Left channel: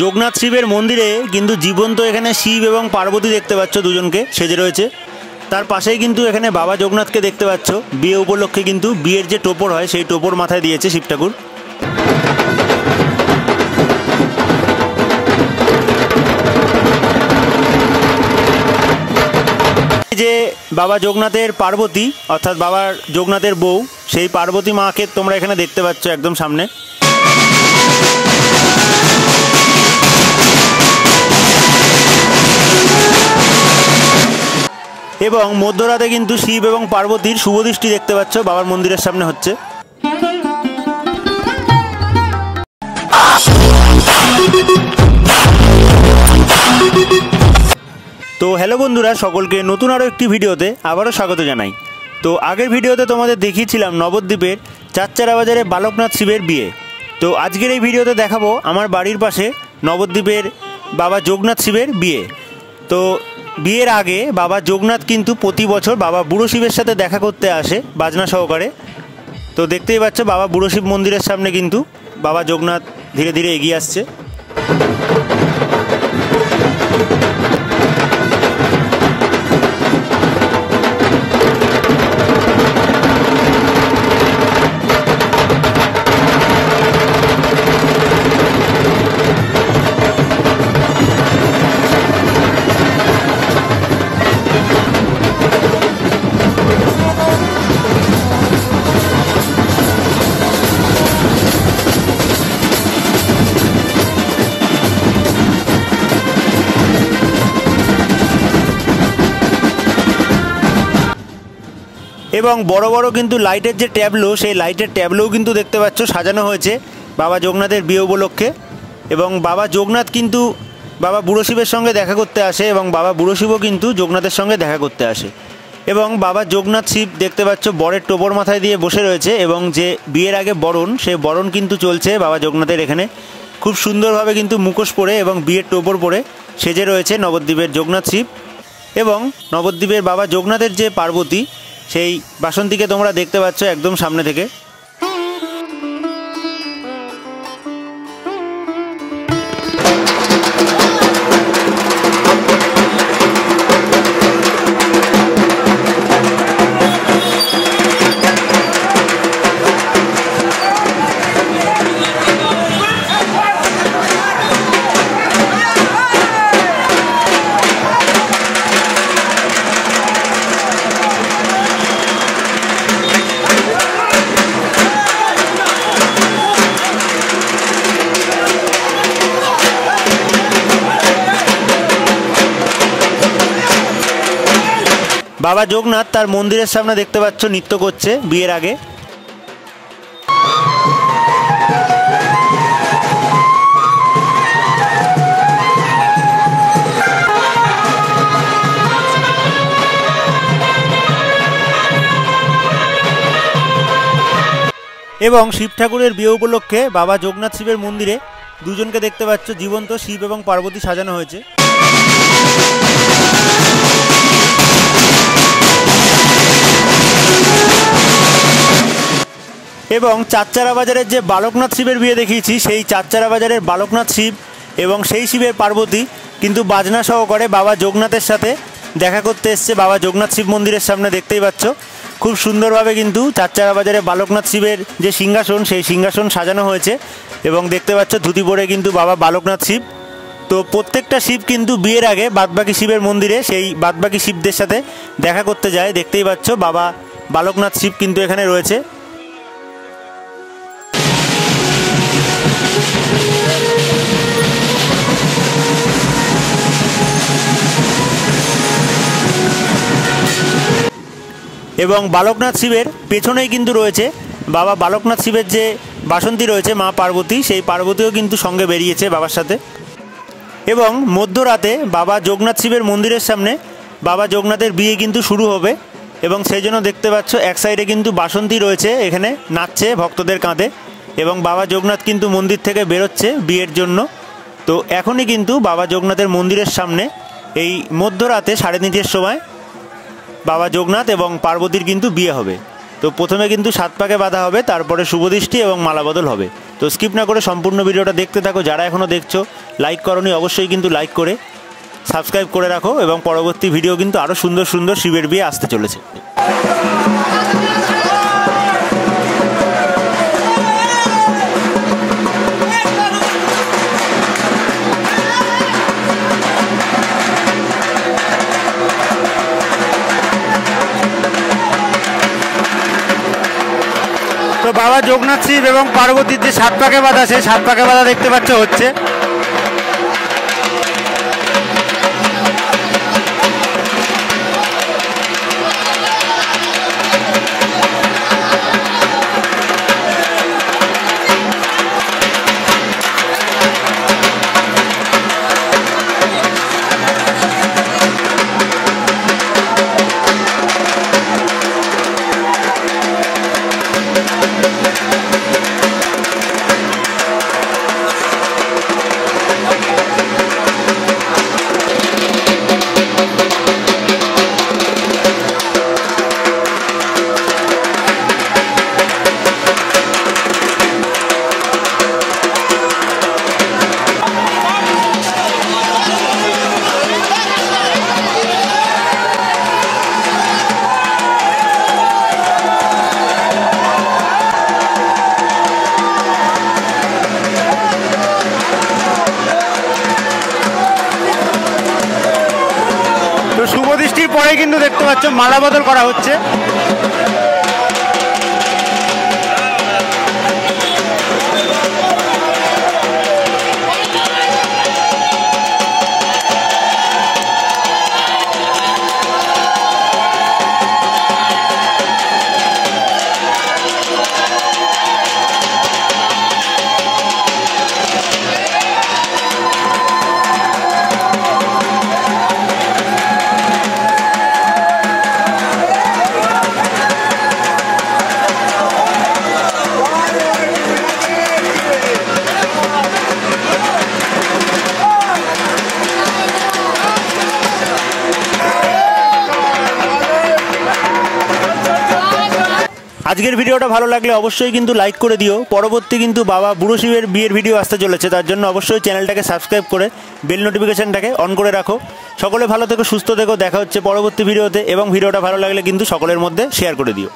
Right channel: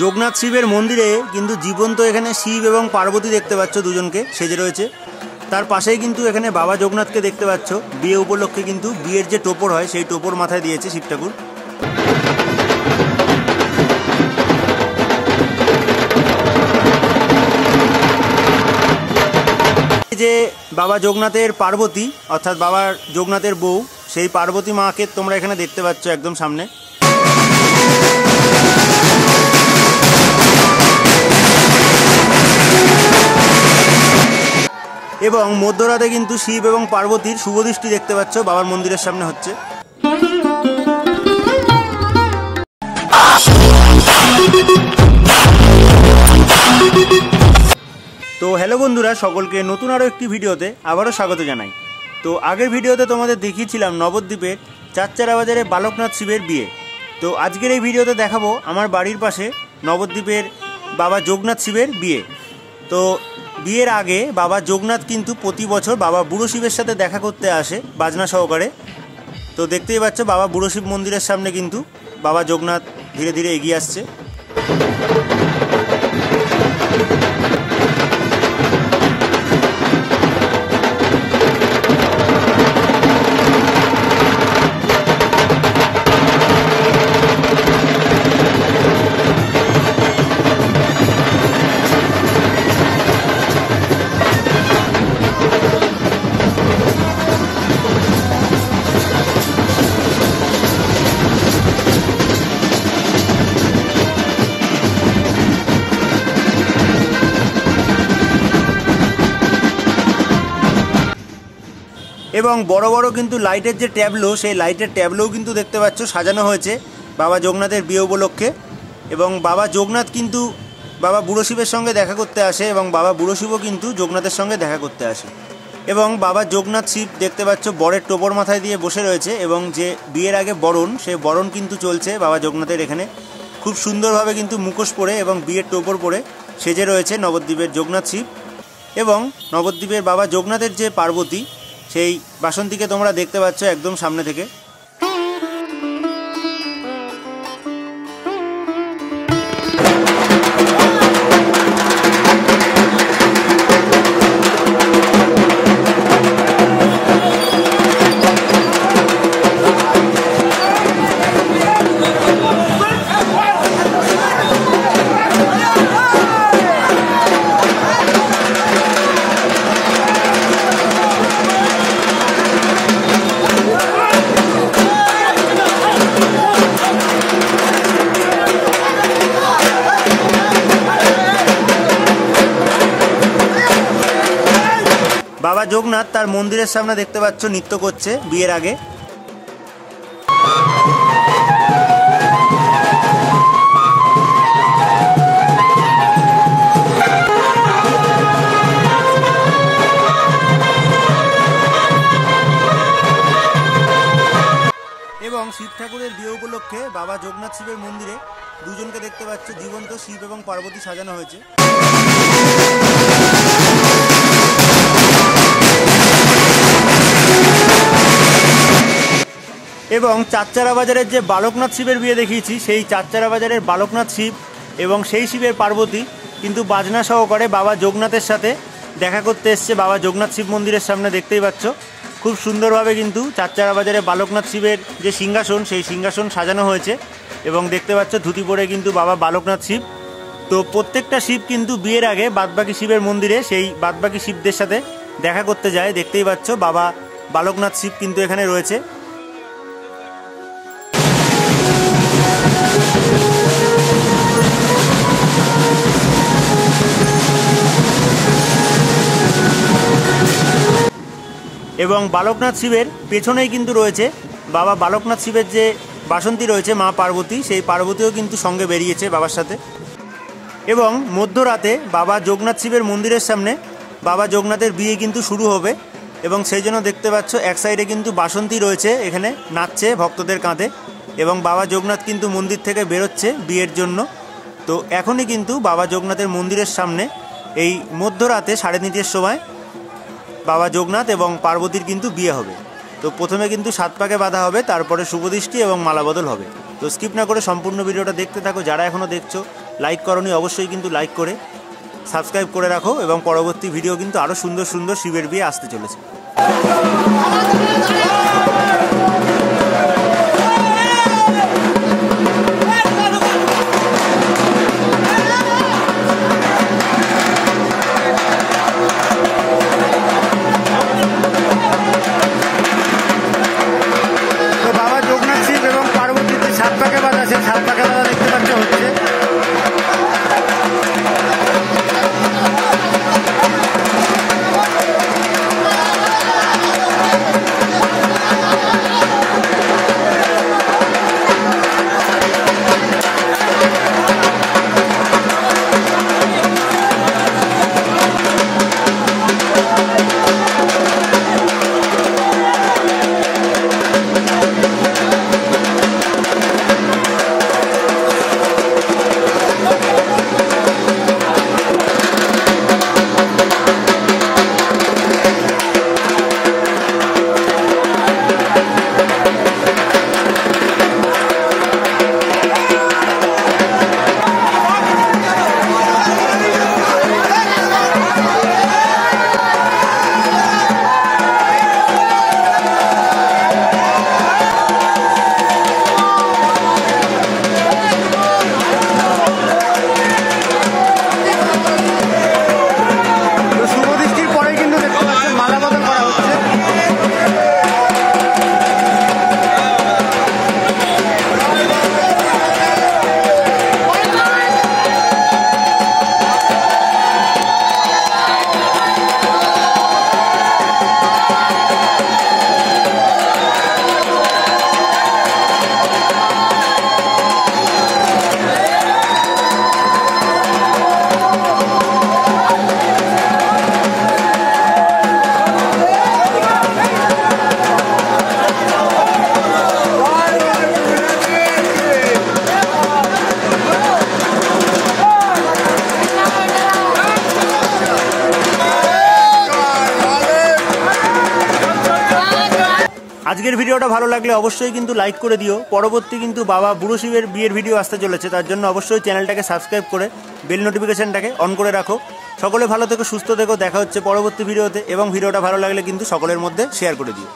যোগনাথ শিবের মন্দিরে কিন্তু জীবন্ত এখানে শিব এবং পার্বতী দেখতে পাচ্ছ, দুজনকে সেজে রয়েছে। তার পাশেই কিন্তু এখানে বাবা যোগনাথকে দেখতে পাচ্ছ। বিয়ে উপলক্ষে কিন্তু বিয়ের যে টোপর হয় সেই টোপর মাথায় দিয়েছে শিব ঠাকুর। যে বাবা যোগনাথের পার্বতী অর্থাৎ বাবা যোগনাথের বউ, সেই পার্বতী মাকে তোমরা এখানে দেখতে পাচ্ছ একদম সামনে। এবং মধ্যরাতে কিন্তু শিব এবং পার্বতীর শুভদৃষ্টি দেখতে পাচ্ছ বাবার মন্দিরের সামনে হচ্ছে। তো হ্যালো বন্ধুরা, সকলকে নতুন আরও একটি ভিডিওতে আবারও স্বাগত জানাই। তো আগের ভিডিওতে তোমাদের দেখিয়েছিলাম নবদ্বীপের চারচারা বাজারে বালকনাথ শিবের বিয়ে। তো আজকের এই ভিডিওতে দেখাবো আমার বাড়ির পাশে নবদ্বীপের বাবা যোগনাথ শিবের বিয়ে। তো বিয়ের আগে বাবা যোগনাথ কিন্তু প্রতি বছর বাবা বুড়ো শিবের সাথে দেখা করতে আসে বাজনা সহকারে। তো দেখতেই পাচ্ছ বাবা বুড়ো শিব মন্দিরের সামনে কিন্তু বাবা যোগনাথ ধীরে ধীরে এগিয়ে আসছে। এবং বড় বড় কিন্তু লাইটের যে ট্যাবলো, সেই লাইটের ট্যাবলোও কিন্তু দেখতে পাচ্ছ সাজানো হয়েছে বাবা যোগনাথের বিয়ে উপলক্ষে। এবং বাবা যোগনাথ কিন্তু বাবা বুড়ো শিবের সঙ্গে দেখা করতে আসে এবং বাবা বুড়ো শিবও কিন্তু যোগনাথের সঙ্গে দেখা করতে আসে। এবং বাবা যোগনাথ শিব দেখতে পাচ্ছ বরের টোপর মাথায় দিয়ে বসে রয়েছে এবং যে বিয়ের আগে বরণ, সেই বরণ কিন্তু চলছে বাবা যোগনাথের এখানে। খুব সুন্দরভাবে কিন্তু মুখোশ পরে এবং বিয়ের টোপর পরে সেজে রয়েছে নবদ্বীপের যোগনাথ শিব। এবং নবদ্বীপের বাবা যোগনাথের যে পার্বতী, সেই বাসন্তীকে তোমরা দেখতে পাচ্ছ একদম সামনে থেকে। বাবা যোগনাথ তার মন্দিরের সামনে দেখতে পাচ্ছ নৃত্য করছে বিয়ের আগে। এবং শিব ঠাকুরের বিয়ে উপলক্ষে বাবা যোগনাথ শিবের মন্দিরে দুজনকে দেখতে পাচ্ছ জীবন্ত শিব এবং পার্বতী সাজানো হয়েছে। এবং চারচারা বাজারের যে বালকনাথ শিবের বিয়ে দেখিয়েছি, সেই চারচারা বাজারের বালকনাথ শিব এবং সেই শিবের পার্বতী কিন্তু বাজনা সহকারে বাবা যোগনাথের সাথে দেখা করতে এসছে বাবা যোগনাথ শিব মন্দিরের সামনে। দেখতেই পাচ্ছ খুব সুন্দরভাবে কিন্তু চারচারা বাজারে বালকনাথ শিবের যে সিংহাসন, সেই সিংহাসন সাজানো হয়েছে এবং দেখতে পাচ্ছ ধুতি পরে কিন্তু বাবা বালকনাথ শিব। তো প্রত্যেকটা শিব কিন্তু বিয়ের আগে বাদবাকি শিবের মন্দিরে সেই বাদবাকি শিবদের সাথে দেখা করতে যায়। দেখতেই পাচ্ছ বাবা বালকনাথ শিব কিন্তু এখানে রয়েছে। এবং বালকনাথ শিবের পেছনেই কিন্তু রয়েছে বাবা বালকনাথ শিবের যে বাসন্তী রয়েছে মা পার্বতী, সেই পার্বতীও কিন্তু সঙ্গে বেরিয়েছে বাবার সাথে। এবং মধ্যরাতে বাবা যোগনাথ শিবের মন্দিরের সামনে বাবা যোগনাথের বিয়ে কিন্তু শুরু হবে এবং সেই জন্য দেখতে পাচ্ছ এক সাইডে কিন্তু বাসন্তী রয়েছে, এখানে নাচছে ভক্তদের কাঁধে। এবং বাবা যোগনাথ কিন্তু মন্দির থেকে বেরোচ্ছে বিয়ের জন্য। তো এখনই কিন্তু বাবা যোগনাথের মন্দিরের সামনে এই মধ্যরাতে 3:30 সময় বাবা যোগনাথ এবং পার্বতীর কিন্তু বিয়ে হবে। তো প্রথমে কিন্তু 7 পাকে বাঁধা হবে, তারপরে শুভদৃষ্টি এবং মালাবদল হবে। তো স্কিপ না করে সম্পূর্ণ ভিডিওটা দেখতে থাকো। যারা এখনও দেখছো লাইক করোনি অবশ্যই কিন্তু লাইক করে সাবস্ক্রাইব করে রাখো, এবং পরবর্তী ভিডিও কিন্তু আরও সুন্দর সুন্দর শিবের বিয়ে আসতে চলেছে। তো বাবা যোগনাথ শিব এবং পার্বতীর যে 7 পাকে বাঁধা আছে, 7 পাকে বাঁধা দেখতে পাচ্ছ হচ্ছে। পরে কিন্তু দেখতে পাচ্ছ মালা বদল করা হচ্ছে। আজকের ভিডিওটা ভালো লাগলে অবশ্যই কিন্তু লাইক করে দিও। পরবর্তী কিন্তু বাবা বুড়ো শিবের বিয়ের ভিডিও আসতে চলেছে, তার জন্য অবশ্যই চ্যানেলটাকে সাবস্ক্রাইব করে বেল নোটিফিকেশনটাকে অন করে রাখো। সকলে ভালো থেকো, সুস্থ থেকো। দেখা হচ্ছে পরবর্তী ভিডিওতে, এবং ভিডিওটা ভালো লাগলে কিন্তু সকলের মধ্যে শেয়ার করে দিও।